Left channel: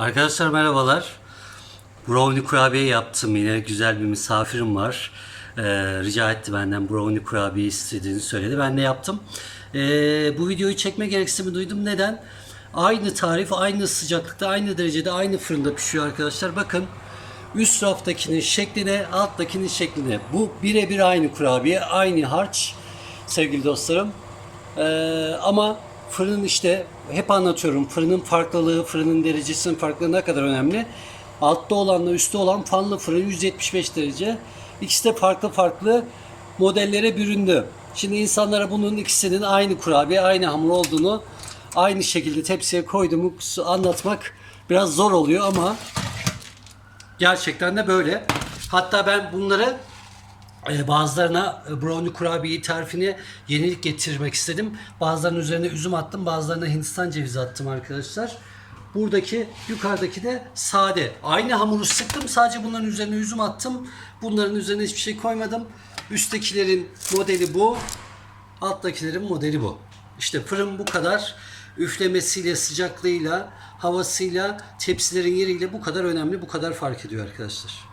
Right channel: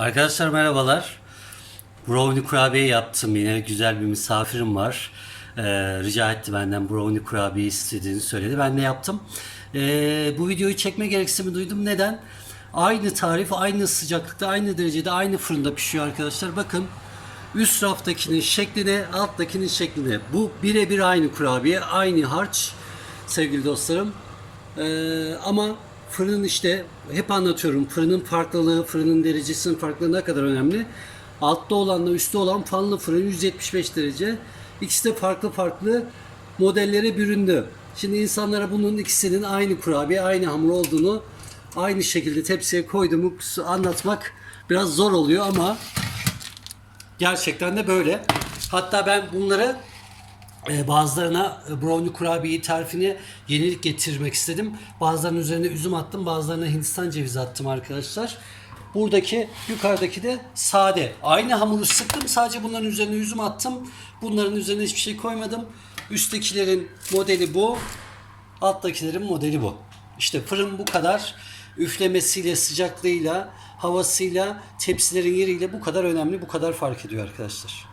Arkadaşlar merhabalar. Brownie kurabiye yaptım yine. Güzel bir misafirim var. Ee, rica etti benden brownie kurabiye istediğini söyledi. Ben de yaptım. Ee, bu videoyu çekme gereksinimi duydum. Neden? Aynı tarif, aynı sıcaklıkta, aynı derecede, aynı fırında pişiyor arkadaşlar. Bakın üst raftakinin şekline, alttakinin şekline. Bu birebir aynı kurabiye, aynı harç sevgili dostlarım. Ee, ama fırının işte hep anlatıyorum fırının farklılığı, fırının derecesinin farklılığı ne kadar önemli. Altta olanla üstte olan fanlı fırın 175 derece. İkisi de farklı farklı modellere büründü. Şimdi insanlara bunun ikisinin aynı kurabiye, aynı hamur olduğunu aynı şekilde tepsiye koyduğumu anlatmak biraz zor oluyor ama gerçekten de böyle. Hatta ben bunları bazılarına e, brownie kurabiye tarifini yenilik getirmek istedim. Bazılarının üzerine üzüm attım, bazılarına Hindistan cevizi attım arkadaşlar. Buradaki yukarıdaki de sade. Aynı hamuru sıktım. Sadece bunların üzerine üzüm attım. Bunların üzerine hiçbir şey koymadım. Üsttekilerin modeli bu. Alttakilerin modeli bu. İşte fırın bu kadar üflemesiyle, sıcaklığıyla, havasıyla, tepsilerin yeriyle bu kadar önemli, bu kadar fark ediyor arkadaşlar.